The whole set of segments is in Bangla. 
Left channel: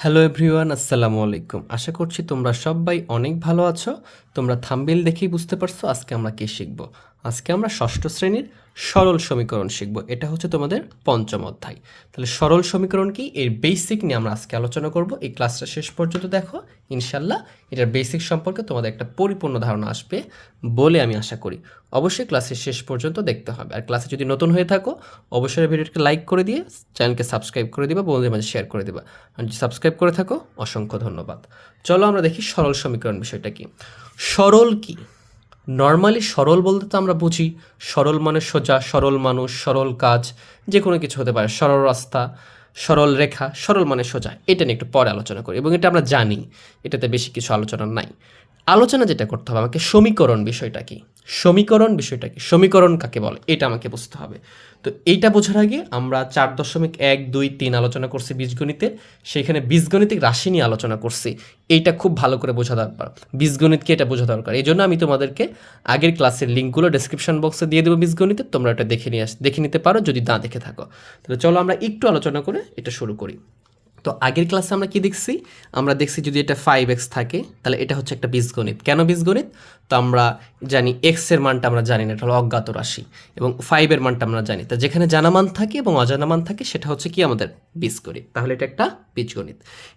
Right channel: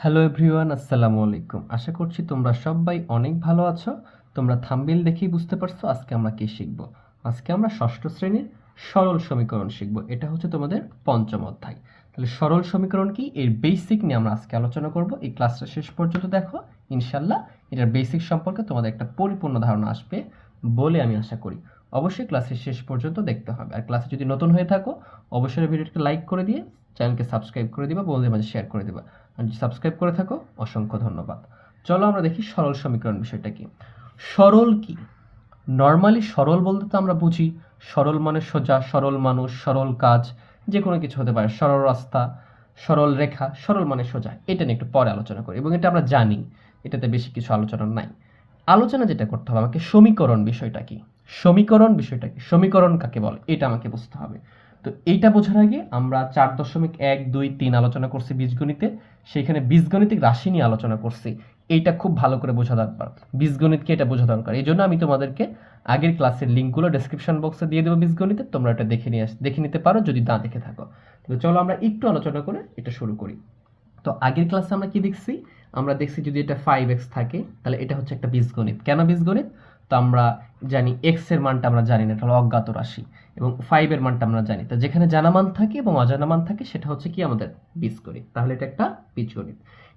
হ্যালো এভরিওয়ান আসসালামু আলাইকুম। আশা করছি তোমরা সবাই অনেক ভালো আছো। তোমরা থাম্বিল দেখেই বুঝতে পারছ আজকে আমরা কী শিখব। আজকে আমরা ষষ্ঠ শ্রেণির সরল সমীকরণ শিখব। এটা হচ্ছে তোমাদের পঞ্চম অধ্যায়। তাহলে সরল সমীকরণ কি? এর বেসিক নিয়ে আমরা আজকে আলোচনা করব। এই ক্লাসটা শেষ পর্যন্ত দেখো। ইনশাল্লাহ এটার বেসিক সম্পর্কে তোমাদের একটা পরিপূর্ণ ধারণা আসবে বলে আমি আশা করি। অবশ্যই ক্লাসের শেষ পর্যন্ত দেখতে হবে। আর ক্লাসে যদি নতুন হয়ে থাকো, অবশ্যই ভিডিওটাকে লাইক করে দিয়ে চ্যানেলকে সাবস্ক্রাইব করে দিবা, বন্ধুদের মাঝে শেয়ার করে দিবা। আর সাবস্ক্রাইব করে থাকো, অসংখ্য ধন্যবাদ। চলো আমরা দেখি সরল সমীকরণ বিষয়টা কি? সরল কি? নর্মালি সরল বলতে তো আমরা বুঝি, সরল মানে সোজা, সরল মানুষ, সরল কাজ যে কোনো কিছু হতে পারে, সরল রাস্তা, সরল রেখা, সরল মানে সোজা। এটা নিয়ে একটু পরে আলোচনা করি এবং এটা আমরা জানি, এটাতে বেশি কিছু আলোচনা নাই। আলোচনা যেটা করতে হবে আমাকে সমীকরণ বিষয়টা কি? সমীকরণ বিষয়টা কি? সমীকরণ কাকে বলে? এটা আমাকে বুঝতে হবে। তো এইটা বোঝার আগে আমরা চার দশমিক এক দুই তিন আলোচনা করছি বীজগণিতে সেইখানে বীজগণিতিক রাশি নিয়ে আলোচনা করছি। এইটা খুব ভালো করে বোঝা দরকার। বীজগণিতকে এটা বোঝা দরকার। এই জন্য আমি তোমাদেরকে আগের ক্লাসের লিঙ্কগুলো ডেসক্রিপশন বক্সে দিয়ে দেবো বীজগণিতে। তোমরা এটা দেখে নিয়ে আস দেখে নিতে পারো, যদি না দেখে থাকো। তাহলে চলো আমরা একটু আলোচনা করে এটা শুরু করি। তো আগের ক্লাসে আমরা কি দেখছি? আমরা দেখছি যদি এটা ফাইভ এক্স থাকে, তাহলে এটা হচ্ছে একটা বীজগণিত। কেন বীজগণিত? তো আমরা জানি এক্সের মানটা আমরা জানি না, এটা হলো অজ্ঞাত রাশি এবং ফাইভের মানটা আমরা জানি। তা যেখানে জানা মান থাকে এবং অজানা মান থাকে, সেটা হচ্ছে কি আমাদের বীজগণিত। তাহলে এটা একটা বীজগণিত।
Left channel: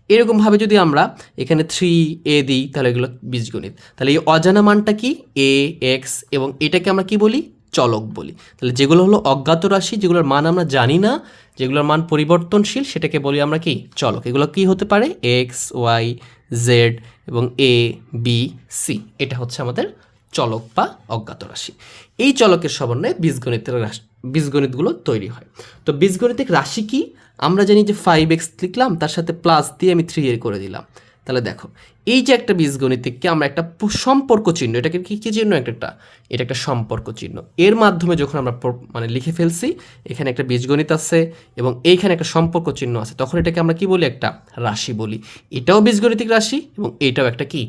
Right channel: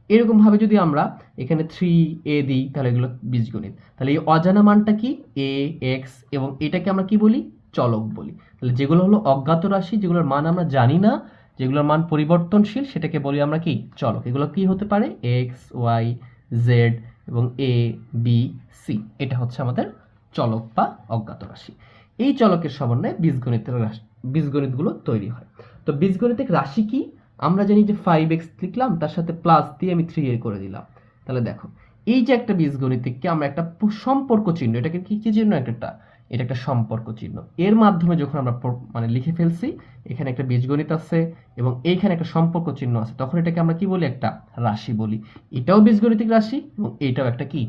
এরকমভাবে যদি আমরা এখানে থ্রি এ দিই, তাহলে এগুলো বীজগণিত। তাহলে এই অজানা মানটা কি? এ এক্স এবং এটাকে আমরা কি বলি? চলক বলি। তাহলে যেগুলো হলো অজ্ঞাত রাশি, যেগুলোর মান আমরা জানি না, যেগুলোর মান পরিবর্তনশীল, সেটাকে বলি আমরা কি? চলক। এগুলো কি হতে পারে? এক্স ওয়াই জেড এবং এ বি সি এটা হচ্ছে আমাদের চলক বা অজ্ঞাত রাশি। এই চলকের সমন্বয়ে বীজগণিতের রাশি, বীজগণিতগুলো তৈরি হয়। তো বীজগণিতিক রাশি কি? আমরা জানি যে ফাইভ এক্স লিখলাম, তার সাথে প্লাস দিয়ে আমি থ্রি এর করে দিলাম। তাহলে দেখো, এই যে একটা বীজগণিতকে আমরা একটা সম্পর্ক চিহ্ন, এটাকে কি কি চিহ্ন একটা? একটা এটা একটা সম্পর্ক চিহ্ন। এর মাধ্যমে যখন আমরা মানে লিখে ফেলছি, এখানে একটা বীজগণিত আছে এবং এইখানে একটা সম্পর্ক চিহ্ন আছে, তখন এটাকে আমরা কি বলি? একটা রাশি বলি। এটাও বীজগণিতিক রাশি এবং এটাও একটা কি?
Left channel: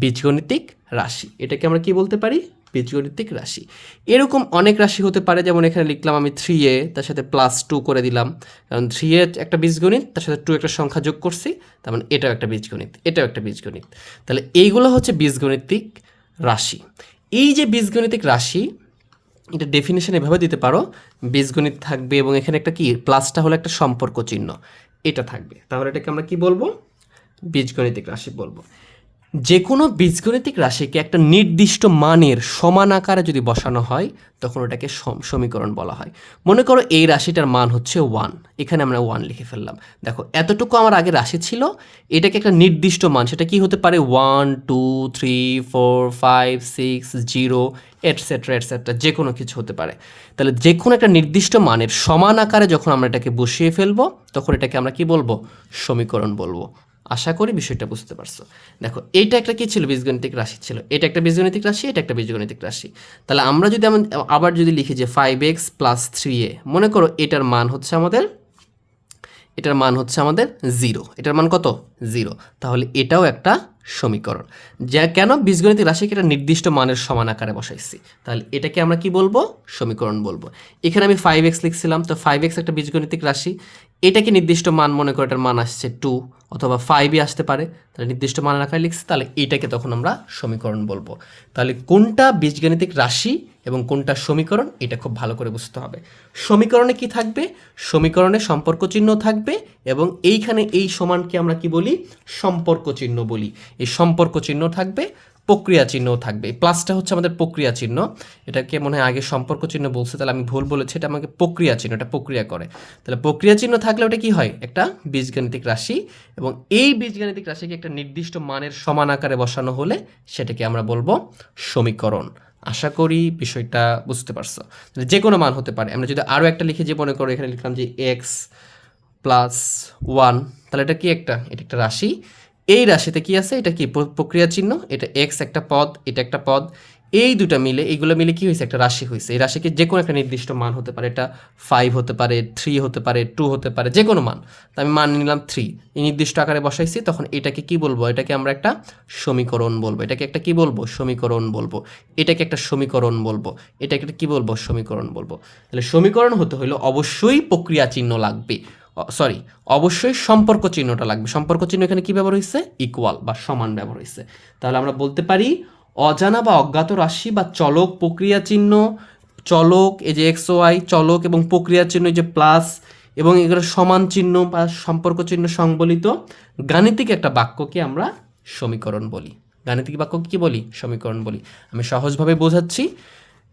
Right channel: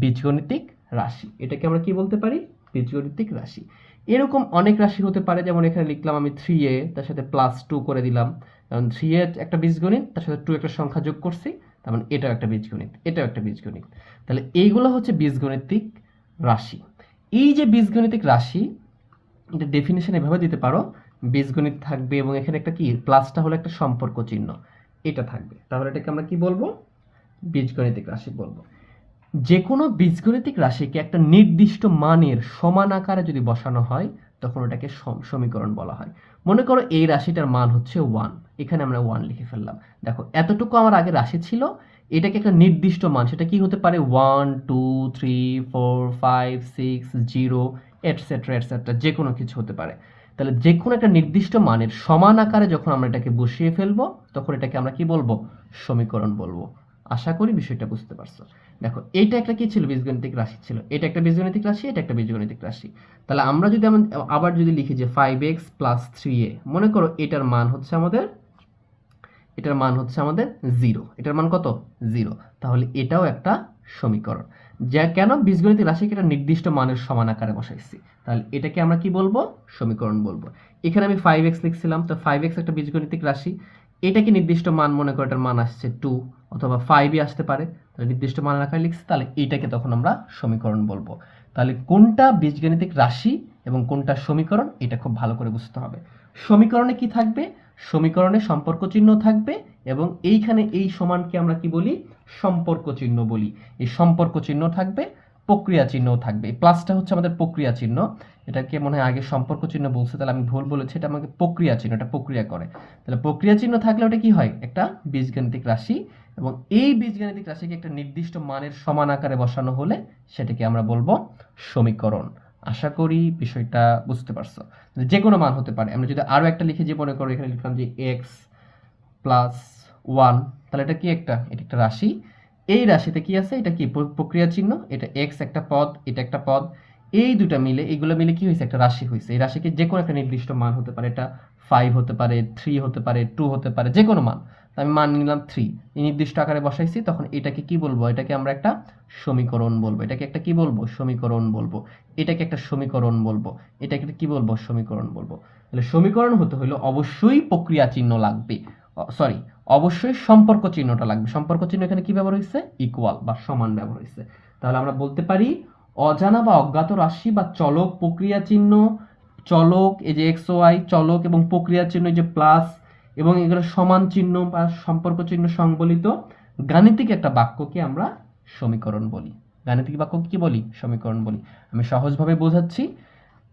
বীজগণিতিক রাশি। এটাকে আমরা কি বলতে পারি? বীজগণিতিক রাশি। এরকম অনেক রাশি হতে পারে, যেমন এখানে লিখলাম আমি থ্রি এ, তার সাথে প্লাস টু করে দিলাম। কারণ থ্রি এ একটা বীজগণিত, তার সাথে টু একটা সংখ্যা যোগ করছি, তার মানে এটাও একটা বীজগণিত, এটাও একটা বীজগণিত। তাহলে এইগুলো হচ্ছে বীজগণিতিক রাশি। এই যে বীজগণিতিক রাশি, এটা ডেফিনেশন এভাবে দিতে পারো, বীজগণিত থাকবে এবং এখানে একটা কি প্লাসটা হলো একটা সম্পর্ক চিহ্ন, এটা থাকবে। তাহলে এটাকে আমরা কি বলব? বীজগণিতিক রাশি বলব। যে কোনো বীজগণিতিক রাশিকে একটা নির্দিষ্ট মানের সমান আকারে যদি বসানো হয়, তখন ওটাকে সমীকরণ বলা হয়। মনে করো এই রাশিটার মান হচ্ছে ওয়ান এখানে আমরা ওয়ান লিখে ফেললাম। দেখো, এতটুকু আমার আগে রাশি ছিল, এটাকে একটা নির্দিষ্ট মান, সেটা কি হতে পারে? One two three four five six zero etcetera etcetera যে কোনো কিছু হতে পারে। তাহলে যে কোনো একটা নির্দিষ্ট মানের সমান আকারে যখন আমরা এটাকে বসিয়ে ফেলব, তখন এটাকে আমরা কি বলব? সমীকরণ বলব। আশা করি বিষয়টা বুঝতে পারছ। দেখো, এইটা একটা কি ছিল? বীজগণিতিক রাশি ছিল। এটা একটা বীজগণিতিক রাশি, এটা একটা বীজগণিতিক রাশি। তাহলে আমরা যদি এমন, আবার যদি লিখি যে five X plus three A মনে করো এটার মান হচ্ছে আমাদের, এটার মান হচ্ছে আমাদের জিরো এটার মান কত? জিরো তাহলে এটাও একটা সমীকরণ। যা, কেন বীজগণিতিক রাশিকে একটা নির্দিষ্ট মানের সমান আকারে বসাইছি? তাহলে এটাকে আমরা কি বলব? সমীকরণ বলব। এখানে আমি ফাইভ এক্স লিখছিলাম, তো ফাইভ এক্স একটা বীজগণিতিক রাশি। এটাকে নির্দিষ্ট মান মনে করে এটার মান আসছে টু অথবা ফাইভই আসতে পারে। তাহলে নির্দিষ্ট মান আকারে লিখছে, তাহলে এটাকে তখন আমরা সমীকরণ বলব। তাহলে কোনটা বীজগণিতিক রাশি এবং কোনটা সমীকরণ, এটা খুব ভালো করে বুঝতে হবে। সমীকরণে কি থাকবে? সমীকরণে সম্পর্ক চিহ্ন থাকবে এবং এইখানে এই সমানকে আমরা কি বলি? সম্পর্ক চিহ্ন বলি। এই সম্পর্ক চিহ্ন থাকবে প্রক্রিয়া চিহ্ন থাকবে প্লাসটা হচ্ছে আমাদের প্রক্রিয়া চিহ্ন এটাকে মনে হয় আগে সম্পর্ক চিহ্ন বলছে, তাহলে আমি ভুল বলেছি, এটা আমাকে প্রক্রিয়া চিহ্ন এটা প্রক্রিয়া করে। তাহলে প্রক্রিয়া চিহ্ন থাকলে ওটা কি হয়? একটা বীজগাণিতিক রাশি এবং এই বীজগাণিতিক রাশিকে একটা নির্দিষ্ট মানের সমান আকারে বসানো হলে সেটাকে আমরা বলব সমীকরণ। আশা করি বিষয়টা বুঝতে পারছ। যে কোনো মান হতে পারে। আমরা যদি আরও একটা লিখে যে মনে করো, এখানে লিখলাম যে এক্স প্লাস ওয়ান তাহলে এটা কি একটা? এটা একটা রাশি। এই রাশিতে কি আছে? এটা কি প্র- প্রক্রিয়া চিহ্ন? এটা এক্স একটা পদ, এটা একটা পদ। এই দুটা মিলে, এইগুলো মিলে কি হয়েছে একটা রাশি হয়েছে এই রাশিকে যে কোনো একটা নির্দিষ্ট মান হতে পারে। এটা ফাইভ হতে পারে থ্রি হতে পারে টু হতে পারে যে কোনো মান। তো আমি মান নিলাম থ্রি এই নির্দিষ্ট আকারে বসাইছি, তখন এটাকে কি বলব? এটাকে আমরা একটা সমীকরণ বলব। এটাকে একটা কি বলব? সমীকরণ বলব। এটাকে একটা সমীকরণ বলব। এটাকে একটা কি বলব? সমীকরণ বলব। তাহলে সমীকরণ হতে হলে অবশ্যই প্রক্রিয়া চিহ্ন লাগবে। সরি অবশ্যই সম্পর্ক চিহ্নটা লাগবে। সম্পর্ক চিহ্ন এখানে কি ব্যবহার হয়েছে? ইকুয়াল বা সমান ব্যবহার হয়েছে। তাহলে আমরা বলতে পারি, অজানা বা অজ্ঞাত রাশি বা চলক প্রক্রিয়া চিহ্ন, চলক এই যে এক্স ওয়াই চলক এবং প্রক্রিয়া চিহ্ন, এই যে প্লাস এবং এগুলো সমান চিহ্ন বা সম্পর্ক চিহ্ন সংবলিত গাণিতিক একটা বাক্যকে আমরা সমীকরণ বলি। গাণিতিক বাক্য কি বলি? সমীকরণ বলি। আমি সহজভাবে বোঝাচ্ছি।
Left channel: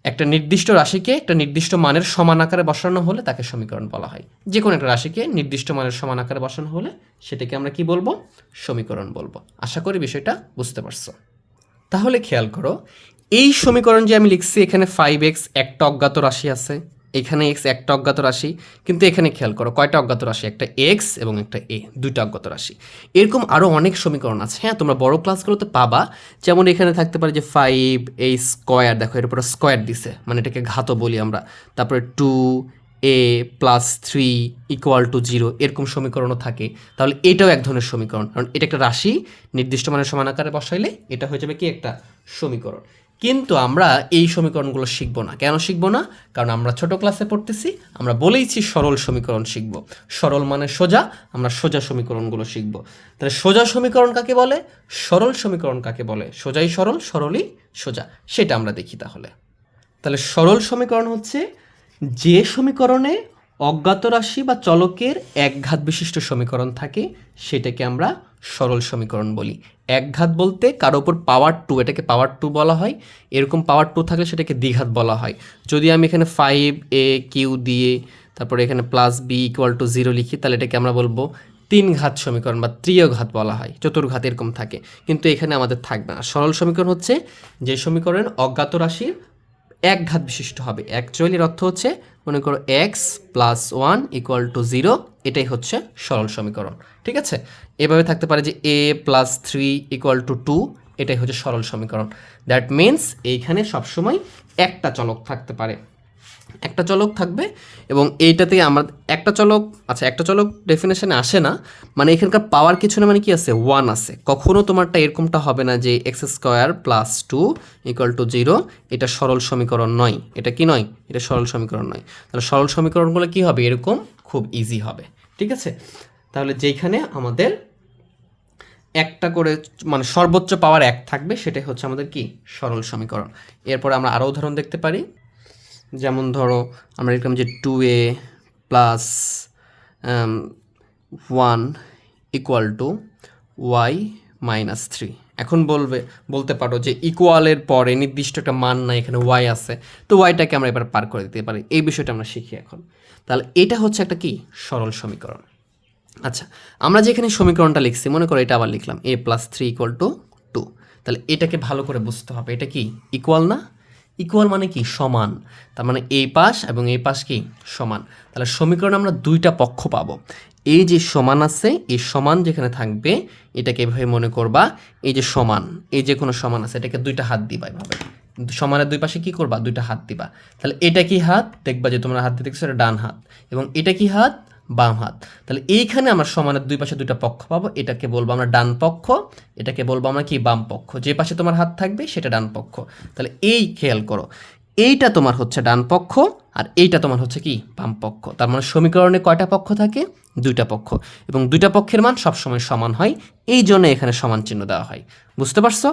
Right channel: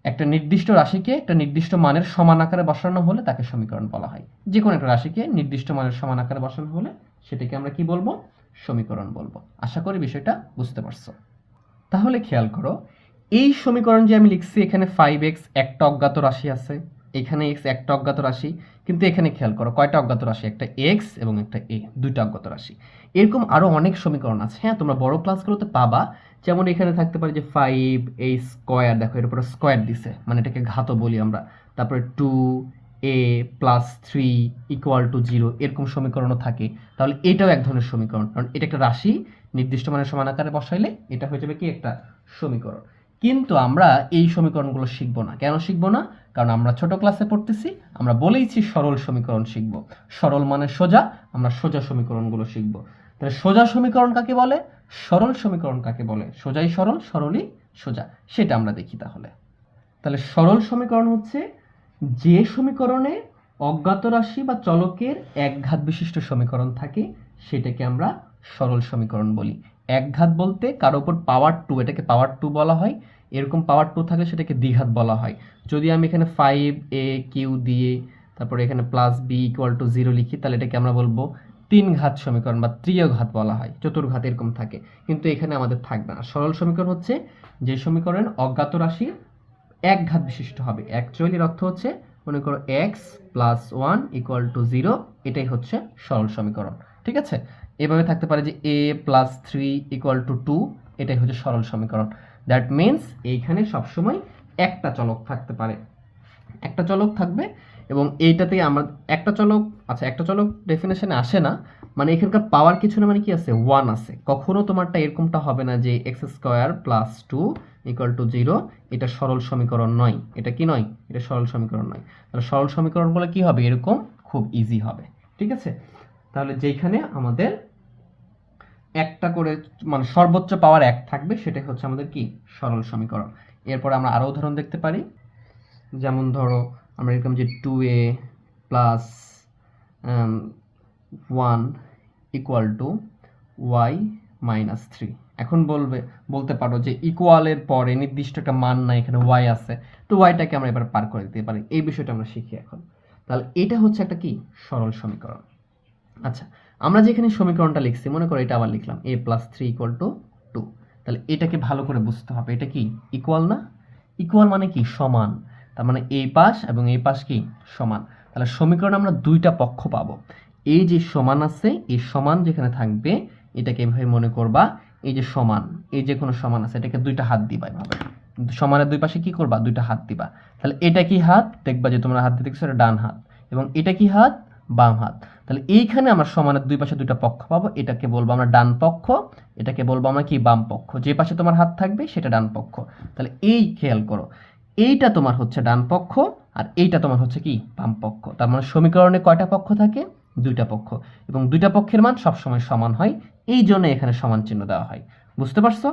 একটা নির্দিষ্ট রাশিকে একটা নির্দিষ্ট মানের সমান আকারে বসানো হলে তাকে সমীকরণ বলা হয়। যে কোনো একটা রাশিকে নির্দিষ্ট মানের সমান আকারে বসানো হলে সেটাকে আমরা কি বলব? সমীকরণ বলব। আশা করি বিষয়টা বুঝতে পারছ। তাহলে খেয়াল করো, এই সমীকরণ যে আমি লিখছি এখানে ফাইভ এক্স একটা অজ্ঞাত রাশি আছে। এখানে এক্স একটা অজ্ঞাত রাশি, কিন্তু এখানে খেয়াল করো কয়টা অজ্ঞাত রাশি? একটা এক্স এবং একটা এ দুইটা অজ্ঞাত রাশি। এরকম আরও অনেক সমীকরণ আছে হ্যাঁ? তোমরা বড় ক্লাসগুলোতে পাবা। যেমন এখানে থাকতে পারে যে ফাইভ এই স্কোয়ার দেখো এর উপরে স্কোয়ার দিছে মানে এটাকে ঘাত বলি আমরা। তারপরে two A plus three equal to zero এরকম সমীকরণও থাকে। তাহলে এটাও এক ধরনের সমীকরণ। কারণ এটা একটা রাশি, নির্দিষ্ট মানের সমান আকারে বসাইলে এটা হয়ে যাবে কি? একটা সমীকরণ। কিন্তু আমরা এই সমীকরণগুলো শিখব না। কেন শিখব না? কারণ আমরা ছোট ক্লাসে পড়তেছি, আমরা বলেইছি সরল সমীকরণ শিখব। সরল মানে সোজা, আমরা সোজা সমীকরণগুলো শিখব। তাহলে সোজা সমীকরণ কাকে বলে? সরল সমীকরণ কাকে বলে? সোজাই সরল, সরলই সোজা। সেটা আমরা দেখি তাহলে। তাহলে সরল সমীকরণ হচ্ছে যে সমীকরণে অজ্ঞাত রাশি বা চলকের একঘাত বিশিষ্ট সমীকরণ থাকে, সেটাকে আমরা সরল সমীকরণ বলি। একঘাত বলতে কারও ওপর পাওয়ার টু এটাকে পাওয়ার টু বলা হয়। এরকম পাওয়ার টু থাকলে সেটাকে দ্বিঘাত বলা হয়। যদি আমি এখানে ফাইভ এ কিউ দিয়ে তারপরে এখানে plus B equal to zero লিখি, তাহলে এটাকে আমরা বলব তিন ঘাত সমীকরণ বা ত্রিয় ঘাত বলা হয়। চতুর্ঘাত এরকম থাকে। কিন্তু এখানে আমাদের থাকবে না। সরল সমীকরণ হচ্ছে যে সমীকরণ অজ্ঞাত রাশির এক ঘাত বিশিষ্ট হবে। অ্যাকচুয়ালির অর্থ হচ্ছে মনে করো X plus one equal to zero এটাই হচ্ছে সরল সমীকরণ, ঠিক আছে? এভাবে থাকতে পারে যে A plus three equal to two এটাই হচ্ছে সরল সমীকরণ। দ্যাট মিন্স এইখানে সবসময় একটা চলক থাকতে পারে। একটা চলক থাকবে এবং এইটাতে আমরা, একটা চলক আচ্ছা একটা চলক ডেফিনেশনে আসে না মানে এখানকার পাওয়ার কিছু না মানে কি আছে? ওয়ান আছে। কখনো তোমারটা এরকমটা হবে না যে X square plus two equal to zero এটা সরল সমীকরণ নয়। এটা কি নয়? এটা সরল সমীকরণ নয়। তাহলে সরল সমীকরণগুলো কি হবে? এরকম খুব ইজি হবে, ঠিক আছে? তাহলে যেখানে আমাদের একটা করে মানে সর্বোচ্চ পাওয়ার এক থাকবে, সেটাই হচ্ছে আমাদের কি? সরল সমীকরণ। এরপর আমরা আরও উদাহরণ দেখতে পারি। যেমন ধরো, আমরা লিখলাম যে two A plus one equal to Y minus three এখন বলবে, বলতে পারো যে ইকুয়ালের পরে নির্দিষ্ট একটা মান নাই, এখানে ওয়াই আছে। তো ওয়াইটাকে আমরা এবার পার করে দিতে পারি। এই বিষয়টা আমরা শিখি এখন। তাহলে এটা হচ্ছে একটা কি? সরল সমীকরণ। আচ্ছা আমরা যেখানে সমীকরণটা লিখছি, মনে করো এটা আবার লিখলাম A plus three equal to two তাহলে এটাকে ভালো করে বুঝতে হবে, এটা কি? ইকুয়াল না? ইকুয়াল মানে কি? সমান। তার মানে এই পাশ এবং এই পাশ কি? সমান। তাহলে সমীকরণ আমরা দুইটা পক্ষ পাবো। এই যে সমান আছে এই সমান যেখানে থাকবে, এটাকে এভাবে মনে করবা, এই যে সমান, এই যে কোনো সমান আছে, এটাকে দুইটা হাত দিবা এভাবে। সমানের দুই পাশে কি করবা? দুইটা হাত দিবা। তাহলে এটা কি হাত? দেখবা যে তোমরা হাত দেখছ এটা ডান হাত। এবং এটা কি হাত? বাম হাত। তাহলে এইখানে আমরা সমানের দুই পাশে দুইটা পক্ষ পাবো। এটাকে বলব আমরা ডান পক্ষ, এটাকে বলব আমরা কি? বাম পক্ষ। যে পাশে তোমার হাত থাকবে, সেটা ডান পক্ষ। তাহলে এই খেয়াল করো, এইটা তোমার হচ্ছে ডান পক্ষ আর এইটা তোমার হচ্ছে কি? বাম পক্ষ। তার মানে সমীকরণে কয়টা পক্ষ থাকে? দুইটা পক্ষ। এবং দুইটা পক্ষের মান সবসময় সমান হয়। এই জন্য এখানে সমান চিহ্ন দেওয়া হয়। বুঝতে পারছ?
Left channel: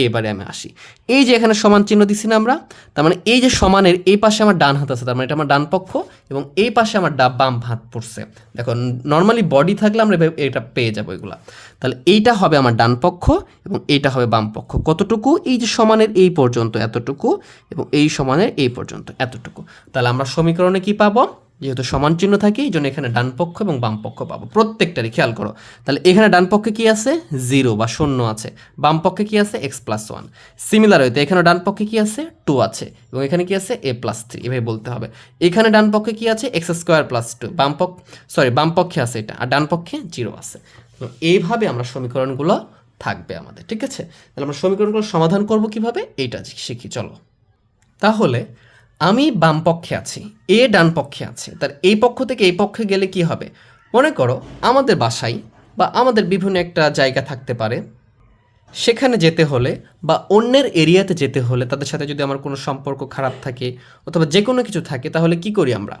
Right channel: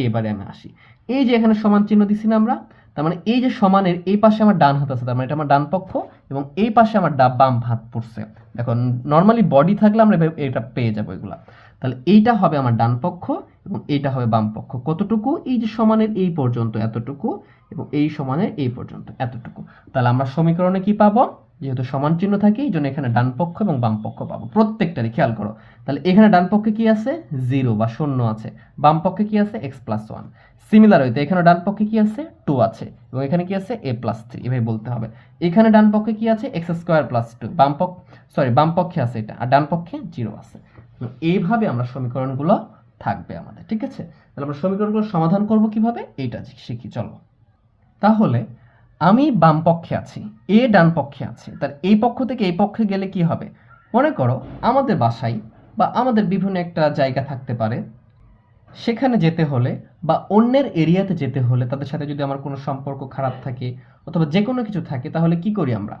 এবারে আমি আসি। এই যে এখানে সমান চিহ্ন দিছি না আমরা, তার মানে এই যে সমানের এই পাশে আমার ডান হাত আছে, তার মানে এটা আমার ডান পক্ষ, এবং এই পাশে আমার ডা বাম হাত পড়ছে। দেখো নর্মালি বডি থাকলে আমরা এটা পেয়ে যাব এগুলা। তাহলে এইটা হবে আমার ডান পক্ষ, এবং এইটা হবে বাম পক্ষ। কতটুকু? এই যে সমানের এই পর্যন্ত এতটুকু, এবং এই সমানের এই পর্যন্ত এতটুকু। তাহলে আমরা সমীকরণে কি পাবো? যেহেতু সমান চিহ্ন থাকে, এই জন্য এখানে ডান পক্ষ এবং বাম পক্ষ পাবো। প্রত্যেকটারই খেয়াল করো। তাহলে এখানে ডান পক্ষে কি আছে? জিরো বা শূন্য আছে। বাম পক্ষে কি আছে? X plus one. সিমিলার হইতে এখানে ডান পক্ষে কি আছে? টু আছে। এবং এখানে কি আছে? A plus three. এভাবে বলতে হবে। এখানে ডান পক্ষে কি আছে? X square plus two. বাম পক্ষ সরি, বাম পক্ষে আছে এটা। আর ডান পক্ষে জিরো আছে। এইভাবে আমরা সমীকরণগুলো থাকবে আমাদের। ঠিক আছে? তাহলে আমরা সমীকরণগুলো সমাধান করব কীভাবে? এইটা শিখি। চলো। তাহলে আমি বাম পক্ষে আছি, এ ডান পক্ষে আছে। তার এই পক্ষ থেকে এই পক্ষে গেলে কি হবে? মনে করো আমাদের বাসায় বা আমাদের বিভিন্ন একটা জায়গা থাকতে পারে। সেখানে যেতে হলে বা অন্যের এরিয়াতে যেতে হলে তাদের সাথে যদি আমার কোনো সম্পর্ক খারাপ থাকে অথবা যে কোনো কিছু থাকে, তাহলে কি করি আমরা?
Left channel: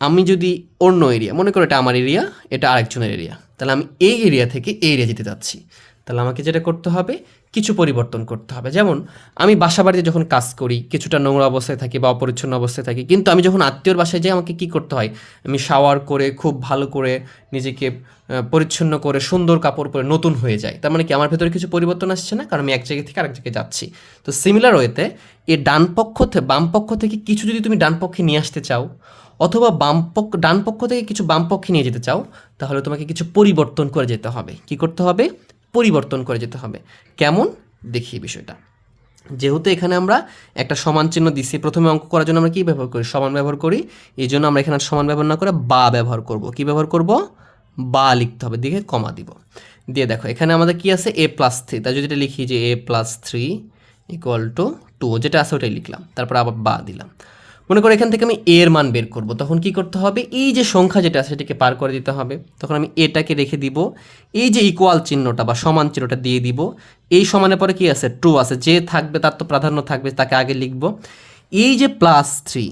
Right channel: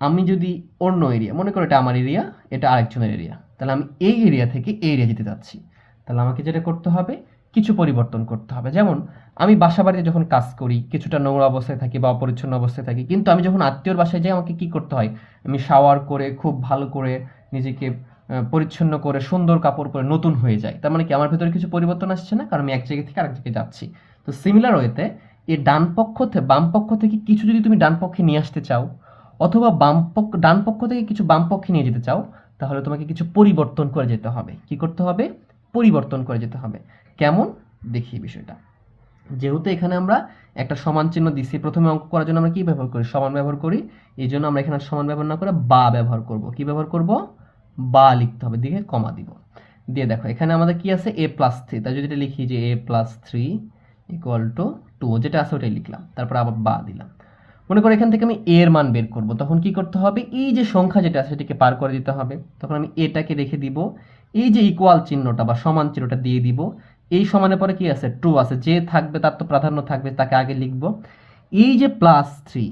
আমি যদি অন্য এরিয়া, মনে করো এটা আমার এরিয়া, এটা আরেকজনের এরিয়া, তাহলে আমি এই এরিয়া থেকে এই এরিয়া যেতে যাচ্ছি। তাহলে আমাকে যেটা করতে হবে কিছু পরিবর্তন করতে হবে। যেমন, আমি বাসা বাড়িতে যখন কাজ করি, কিছুটা নোংরা অবস্থায় থাকি বা অপরিচ্ছন্ন অবস্থায় থাকি, কিন্তু আমি যখন আত্মীয়র বাসায় যাই, আমাকে কি করতে হয়? আমি শাওয়ার করে, খুব ভালো করে নিজেকে পরিচ্ছন্ন করে, সুন্দর কাপড় পরে নতুন হয়ে যায় তার মানে কি, আমার ভেতরে কিছু পরিবর্তন আসছে না? কারণ আমি এক জায়গা থেকে আরেক জায়গায় যাচ্ছি। তো সিমিলার ওয়েতে এই ডান পক্ষ থেকে বাম পক্ষ থেকে কিছু যদি তুমি ডান পক্ষে নিয়ে আসতে চাও, অথবা বাম পক্ষ, ডান পক্ষ থেকে কিছু বাম পক্ষে নিয়ে যেতে চাও, তাহলে তোমাকে কিছু পরিবর্তন করে যেতে হবে। কি করতে হবে? পরিবর্তন করে যেতে হবে। কেমন? দেখি বিষয়টা। যেহেতু এখানে আমরা একটা সমান চিহ্ন দিছি, প্রথমে অঙ্ক করার জন্য আমরা কি ব্যবহার করি? সমান ব্যবহার করি। এই জন্য আমরা এখানে সমান ব্যবহার না করে বা ব্যবহার করব। কি ব্যবহার করব? বা লিখতে হবে দিকে কমা দিব। দিয়ে দেখো, এখানে আমাদের কি আছে? এ প্লাস থ্রি তাই যদি এটা লিখি যে A plus three equal to two যেটা আছে ওটাই লিখলাম। তারপর আবার বা দিলাম। মনে করো এখান থেকে আমি এ এর মান বের করব। তখন কি করতে হবে? এই যে সংখ্যা যেটা আছে সেটাকে পার করে দিতে হবে। তখন আমি এটাকে রেখে দিব। এই যে ইকুয়াল চিহ্নটা বা সমান চিহ্নটা দিয়ে দিব। এই সমানের পরে কি আছে? ট্রু আছে। যে থাকবে তার তো প্রাধান্য থাকবে, তাকে আগে লিখব। এই যে প্লাস থ্রি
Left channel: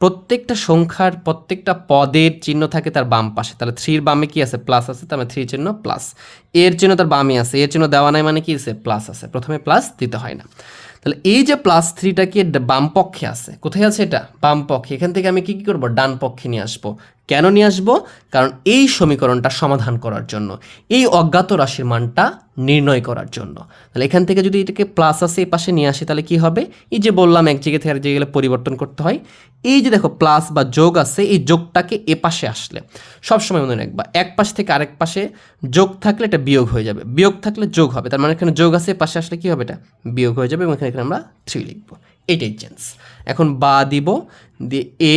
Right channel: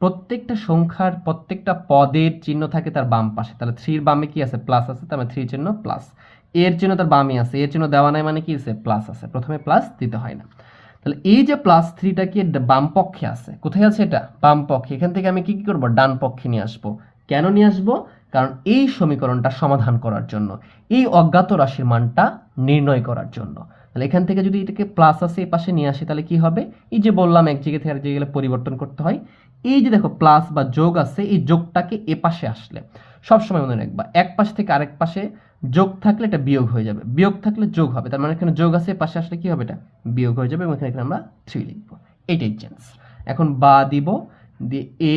প্রত্যেকটা সংখ্যার প্রত্যেকটা পদের চিহ্ন থাকে তার বাম পাশে। তাহলে থ্রির বামে কি আছে? প্লাস আছে, তার মানে থ্রি চিহ্ন প্লাস এর চিহ্ন তার বামে আছে। এর চিহ্ন দেওয়া নাই মানে কি আছে? প্লাস আছে। প্রথমে প্লাস দিতে হয় না। তাহলে এই যে প্লাস থ্রিটা কি বাম পক্ষে আছে? কোথায় আছে এটা? বাম পক্ষে। এখান থেকে আমি কি কি করব? ডান পক্ষে নিয়ে আসব। কেন নিয়ে আসব? কারণ এই সমীকরণটা সমাধান করার জন্য, এই অজ্ঞাত রাশির মানটা নির্ণয় করার জন্য। তাহলে এখান থেকে যদি এটাকে প্লাস আসে এই পাশে নিয়ে আসি, তাহলে কি হবে? এই যে বললাম, এক জায়গা থেকে আরেক জায়গায় পরিবর্তন করতে হয়। এই যে দেখো প্লাস বা যোগ আছে, এই যোগটাকে এ পাশে আসলে। সবসময় মনে রাখবা, এক পাশ থেকে আরেক পাশে যোগ থাকলে এটা বিয়োগ হয়ে যাবে। বিয়োগ থাকলে যোগ হবে, তার মানে এখানে যোগ আছে পাশে আসলে কী হবে এটা? বিয়োগ হয়ে যাবে এবং এখানে এখানে আমরা থ্রি লিখব। এটাই চেঞ্জ এখন বা দিব, দিয়ে এ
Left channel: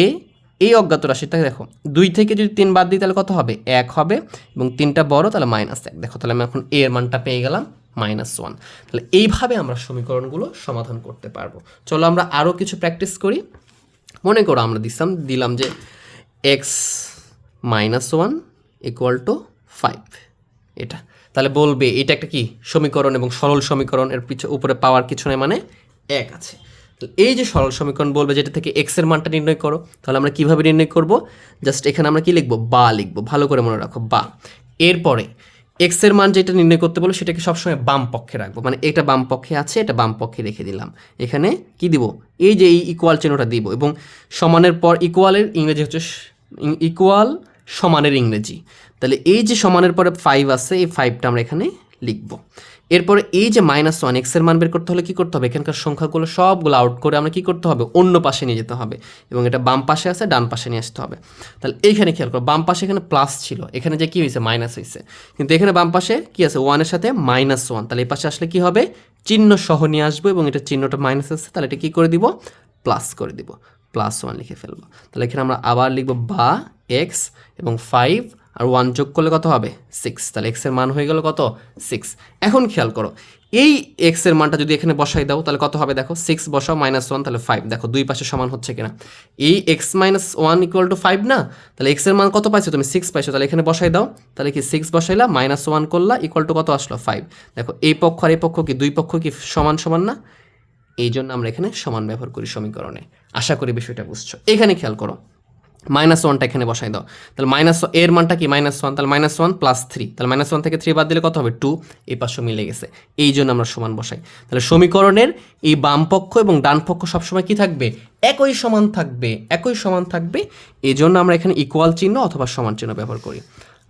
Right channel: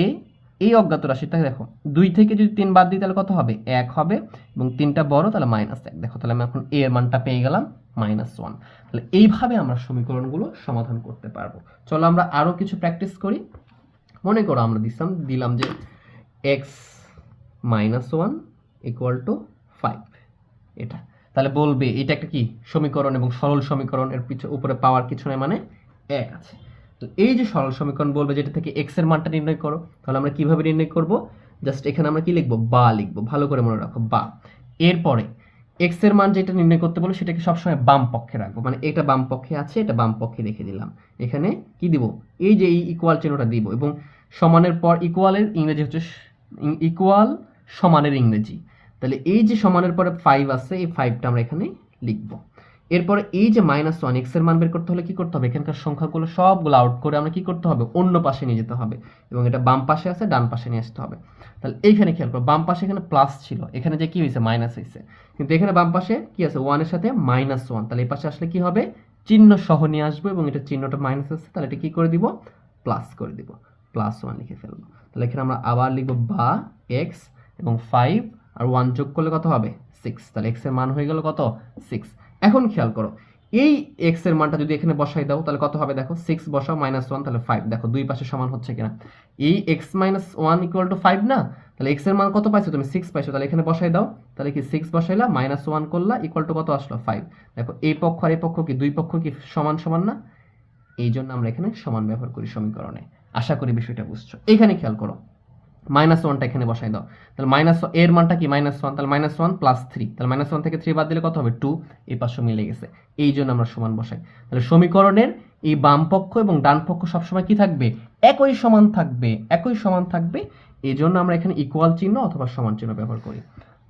এই অজ্ঞাত রাশিটা দেখো, দুই থেকে যদি তিন বাদ দিই তাহলে কত হবে? এক হবে এবং তিনটা বড় তাহলে মাইনাস এক। দেখো তাহলে আমি এখন এ এর মানটা পেয়ে গেলাম মাইনাস ওয়ান তাহলে এইভাবে আমরা সমীকরণগুলো সমাধান করতে পারব। চলো আমরা আরও কিছু প্র্যাকটিস করি। মনে করো আমরা দিলাম দিলাম যে X minus one equal to five এটা। তাহলে বলবে, এটা একটা কি? সমীকরণ এবং সরল সমীকরণ, এর পিছনে উপরে পাওয়ার কিছু নেই মানে এক আছে। তো এই যে সরল সমীকরণ বলবে যেটা থেকে এক্সের মানটা নির্ণয় করো, তাহলে আমরা কীভাবে নির্ণয় করব? জাস্ট এখানে আমরা কি লিখব? বা লিখব। ভালো করে মনে রাখো, বা। এরপরে এক্সের মান যেটা নির্ণয় করতে বলো সেটাকে সবসময় বাম পক্ষে রাখব। মানে এটা বাম পক্ষে আছে, এটা বাম পক্ষে রেখে দিলাম। এখানে কি দিব? এই যে এই ইকুয়াল চিহ্নটা দিব এবং সমানের পর ইকুয়ালের ইংরেজি হচ্ছে ইকুয়াল সমানের ইংরেজি। তাহলে এই যে সমানের পরে ফাইভ আছে, এই ফাইভটা আমরা এখানে লিখব। এরপরে এই যে মাইনাস ওয়ান এক্সের মান বের করতে হলে কি করতে হবে? এখানকার সংখ্যাগুলো সবগুলো আউট করে আমরা কি করতে হবে? অন্য পাশে নিয়ে যেতে হবে। এবং এটা বাম পাশে আছে, ডান পাশে নিয়ে আসতে হবে। তাহলে এইখানে খেয়াল করো, বাম পাশে এখানে প্লাস ছিল। এখানে যে কি হয়েছে? মাইনাস হয়েছে। কিন্তু এখানে বাম পাশে কি আছে? ওয়ানের সাথে মাইনাস ওয়ান তাহলে এই পাশে আসলে কী হবে? চিহ্ন সহ নিয়ে আসব এবং এটা চিহ্নটা মাইনাস আছে। তাহলে এটা কী করে দিব? প্লাস করে দিব। প্লাস ওয়ান লিখে ফেলব। তাহলে এখানে আমরা আবার লিখব বা এক্স এবং ফাইভ আর ওয়ান যোগ করলে কত হবে? সিক্স তাহলে এক্সের মান হয়ে গেল কত? সিক্স এখন খেয়াল করো, এই এক্সের মানটা যদি এখানে বসাই দাও, তাহলে কত হবে দেখো? সিক্স বসাও মাইনাস ওয়ান তাহলে ফাইভ দেখো, দুই পাশে সমান হচ্ছে কিনা। এই X minus one equal to five না? তাহলে এক্সের মান কত পাইছো? তুমি সিক্স পাইছো। তাহলে এখানে বসাই দাও। তাহলে কি সিক্স বসাইলা? মাইনাস ওয়ান করলা ইকুয়াল টু কত আসলো? ফাইভ দেখো, এই পক্ষ আর এই পক্ষ কি? দুই পক্ষ কি সমান সমান না? এই জন্য আমরা এখানে সমান ব্যবহার করি সমীকরণে। আশা করি বিষয়টা বুঝছ। এখানে খেয়াল করো। মাইনাস ওয়ানটা এখানে বসাই দাও। তাহলে মাইনাস এর মানটা কি? মাইনাস ওয়ান তাহলে মাইনাস ওয়ান প্লাস থ্রি তাহলে মাইনাস ওয়ান থেকে থ্রি বাদ দিলে কত হবে? টু এই পাশে মিলে গেছে। এই জন্য আমরা সমান বসাই। তাহলে সমীকরণের এই বাম পক্ষ এবং ডান পক্ষ সবসময় কি থাকবে? একই সমান থাকবে, একই সমান থাকবে। এই জন্য আমরা এখানে ইকুয়াল চিহ্ন অথবা সমান চিহ্ন ব্যবহার করি।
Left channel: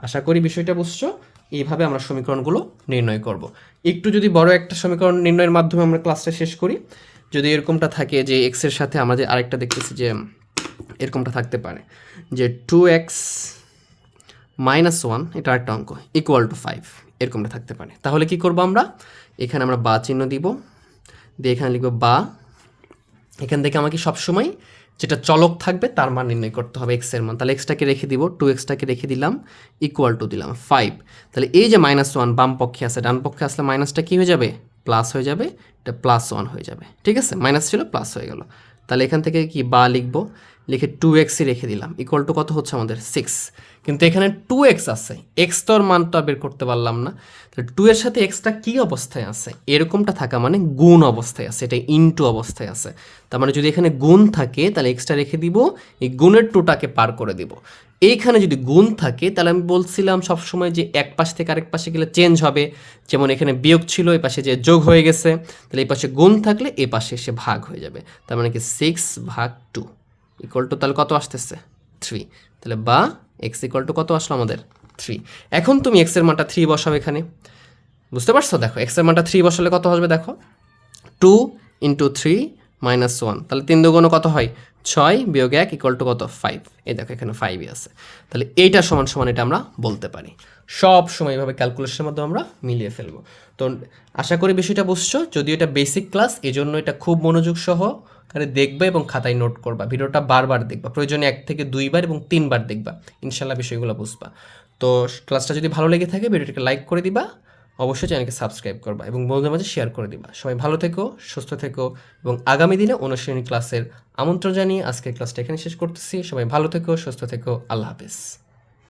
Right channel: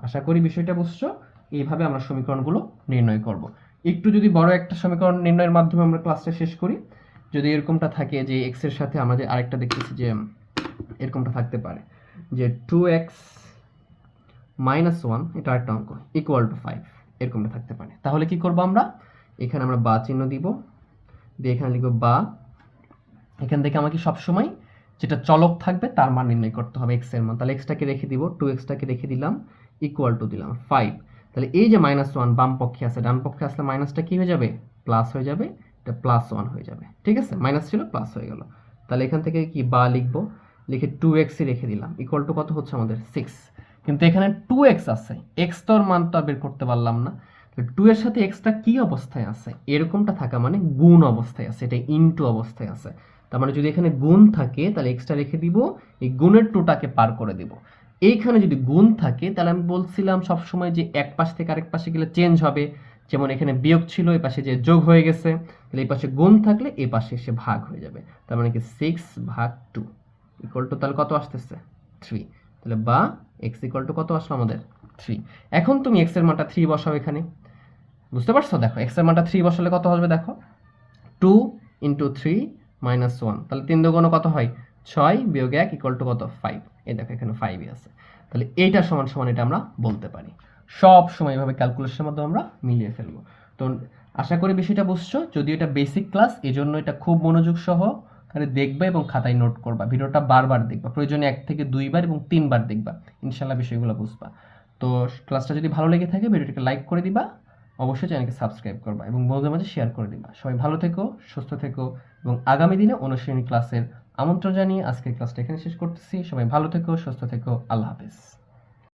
আশা করি বিষয়টা বুঝছ? এইভাবে আমরা সমীকরণগুলো নির্ণয় করব। একটু যদি বড় একটা সমীকরণ নির্ণয়ের মাধ্যমে আমরা ক্লাসটা শেষ করি। যদি এরকমটা থাকে যে এক্সের সাথে আমরা যে আরেকটা দেখতেছি যে এরকমটা থাকতে পারে। যে টু এক্স মাইনাস ওয়ান এটা একটা অঙ্ক ইকুয়াল টু ফাইভ এরকমটা থাকতে পারে। তাহলে কি করব আমরা? এখানে আমরা বা চিহ্ন দিব, দিয়ে এখানে লিখব বা। এখান থেকে আমাকে সবসময় যেটা চলক থাকবে, তার মান নির্ণয় করতে হবে এক্সের মান। তাহলে এক্সটাকে রেখে দিব টু এক্সটাকে রেখে দিলাম ইকুয়াল টু দিলাম ফাইভ তাহলে এই যে মাইনাস ওয়ান বাম পক্ষে আছে, ডান পক্ষে আসলে মাইনাসটা কি হয়ে যাবে? প্লাস হয়ে যাবে, এটা প্লাস ওয়ান হয়ে যাবে। ঠিক আছে? মাইনাস ছিল প্লাস হয়ে গেল। তাহলে এখান থেকে কি বা লিখব? লিখে টু এক্সই রেখে দিলাম ইকুয়াল টু কত হচ্ছে আমাদের সিক্স কিন্তু এখানে টু এক্স আছে এক্স তোর মান আর বের করতে পারলাম না। টু এর সাথে এক্সটা কি অবস্থায় আছে? এরকমটা থাকা মানে গুণ অবস্থায় আছে, এটা ইনটু অবস্থায় আছে। তার মানে যদি এখানে গুণ থাকে, তাহলে এক্সটা রেখে দিব, এই গুণের টুটাকে পার করে দিব। এইখানে যদি গুণ থাকে, তাহলে আমি বলছিলাম সবসময় যে এক পাশ থেকে আরেক পাশে গেলে চেঞ্জ হবে। যেমন এখানে বিয়োগ ছিল, এই পাশে যে যোগ হয়ে গেছে, তাহলে এই পাশে গুণ থাকলে এই পাশে এসে ভাগ হয়ে যাবে। তার মানে কি সিক্স ভাগ টু ইকুয়াল টু তাহলে কত আসতেছে? থ্রি তাহলে বা এক্স ইকুয়াল টু কত আসলো আমাদের? থ্রি এখন তুমি এক্সের মানটা থ্রি বসাও এখানে। বুঝতে পারছ? দেখো এক্সের মানটা থ্রি বসালে কত হবে দেখো? Two into three minus one তাহলে তিন দুগুণ কত হয়? ছয় বিয়োগ এক ইকুয়াল টু কত? ফাইভ এই দেখো, এখানে ফাইভই আছে। তাহলে এইটা সমান সমান এটা আমরা বলতে পারি। সব সময় এভাবে ক্যালকুলেশনের মাধ্যমে আমরা মিলিয়ে ফেলব। তো আশা করি বিষয়টা বুঝছ। যদিও এটা বেসিক ক্লাস এই জন্য এটা খুব মনোযোগ সহ আরে দেখবা এবং খাতায় নোট করবা। ভিডিওটা বারবার দেখবা। প্রয়োজনে এক থেকে দুইবার এবং তিনবার দেখবা। ইনশাল্লাহ বিষয়গুলো বুঝবা। তো ক্লাসটা যদি ভালো লেগে থাকে, ভিডিওটিকে লাইক করে দিবা। অবশ্যই চ্যানেলকে সাবস্ক্রাইব করবা এবং বন্ধুদের মাঝে শেয়ার করে দিবা। সবাই ভালো থেকো, সুস্থ থেকো এবং আগামী দিনে অনুশীলনী ক্লাসের আমন্ত্রণ জানিয়ে আজকের ক্লাসটা এখানে শেষ করতেছি। সবাই ভালো থেকো, সুস্থ থেকো। আল্লাহ হাফেজ।